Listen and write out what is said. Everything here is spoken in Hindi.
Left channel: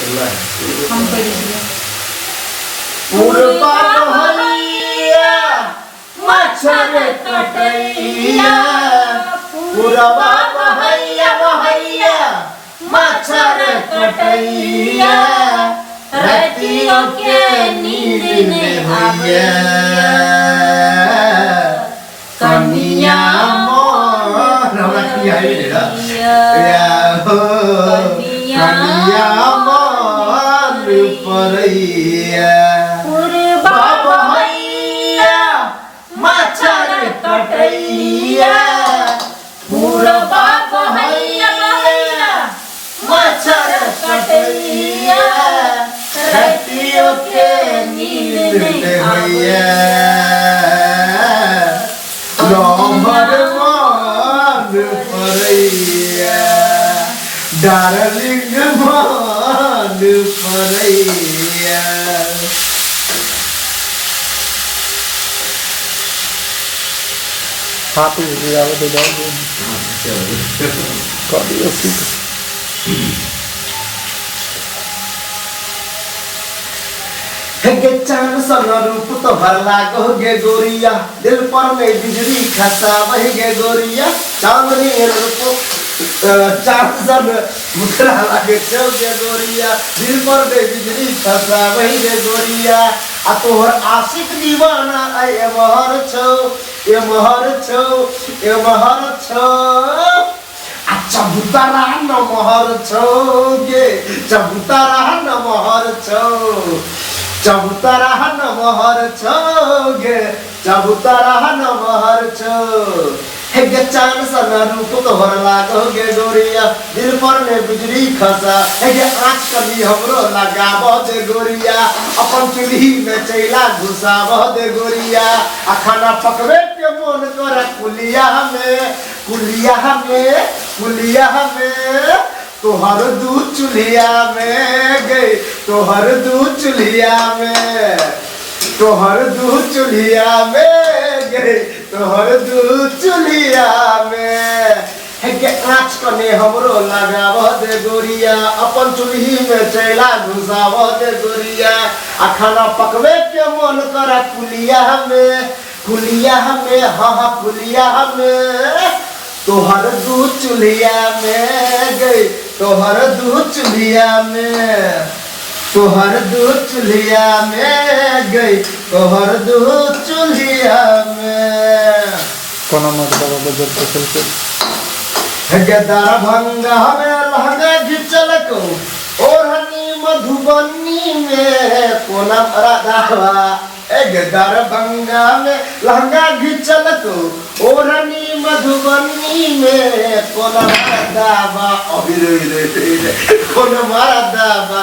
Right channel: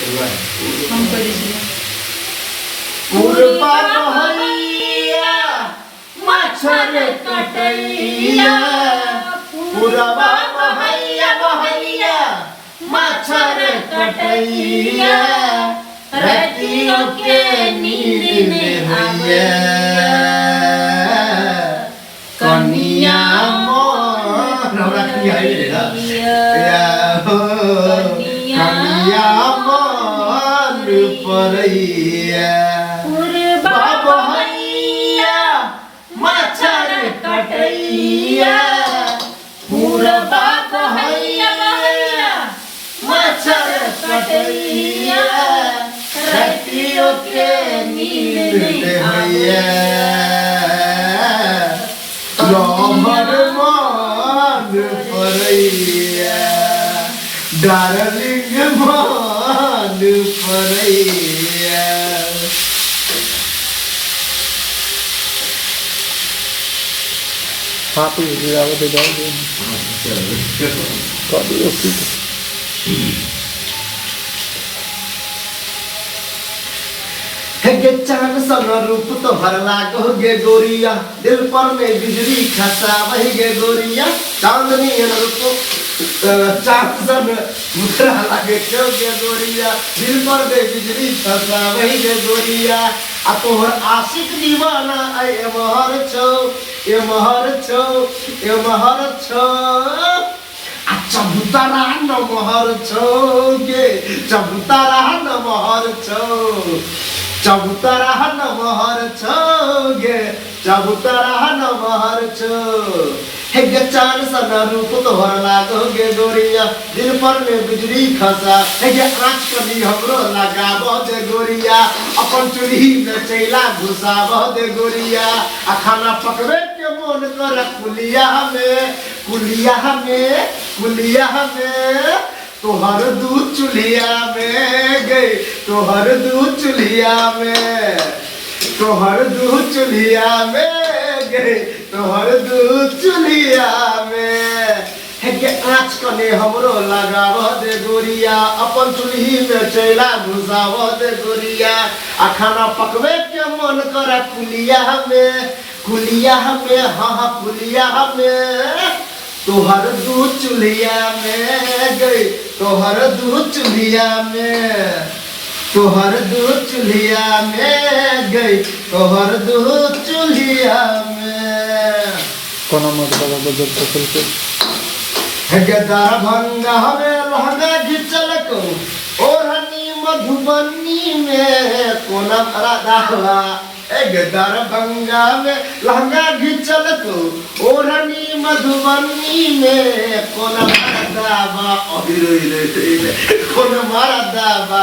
हम कर दीजिए पूर्वा बहैया मच्छर कटैया पूर्वा बहैया बहैया मच्छर कटैया रतियों के नींद नहीं आवे कनिया मोर कनिया मोर परैया पूर्वा बहैया मच्छर कटैया पूर्वा बहैया बहैया मच्छर कटैया रतियों के नींद नहीं आवे लहर मान परैया डार्लिंग मान Paraiya Papo virava do dog. Cadê o filho? गे चांद सन रूप तोहर लागो गे गोरिया दिल पर में बिजली खसा वही गे गोरिया चांदनी रूप चांद सन मुखरा लागे छो गे गोरिया दिल पर में बिजली खसा वही गे गोरिया आ तोहर आशिक दीवाना ए महर छो ए महर छो ए महर छो चबूतरा न महर छो गे चबूतरा न महर छो चबूतरा न महर छो गे चबूतरा न महर छो हे गे चांद सन रूप तोहर लागो गे गोरिया दिल पर में बिजली खसा हे गे आँच कली हमरो लगाब दे गोरिया अपन चूल्ही में चैला घुसाब दे गोरिया आ खाना पकवे के मन कर कुलिया में तोहर दूध चूल्हिया में गई तोहर दूध चूल्हिया में तोहर दूध चूल्हिया में गई तोहर दूध चूल्हिया में हे के आँच कने हमरो लगाव दे गोरिया अपन चूल्ही में चैला घुसाव दे गोरिया आ खाना पकवे के मन करा कुलिया में हाँ कुलिया में तोहर दूध चूल्हिया में गई तोहर दूध चूल्हिया में तोहर दूध चूल्हिया में गई तोहर दूध चूल्हिया में Kono मतलब बजट फसल के दरभंगा में लहंगा घिचल को ओढ़नी मधुबनी में कोना राधावा दरभंगा में लहंगा घिचल को ओढ़नी मधुबनी में कोना राधावा कोना राधावा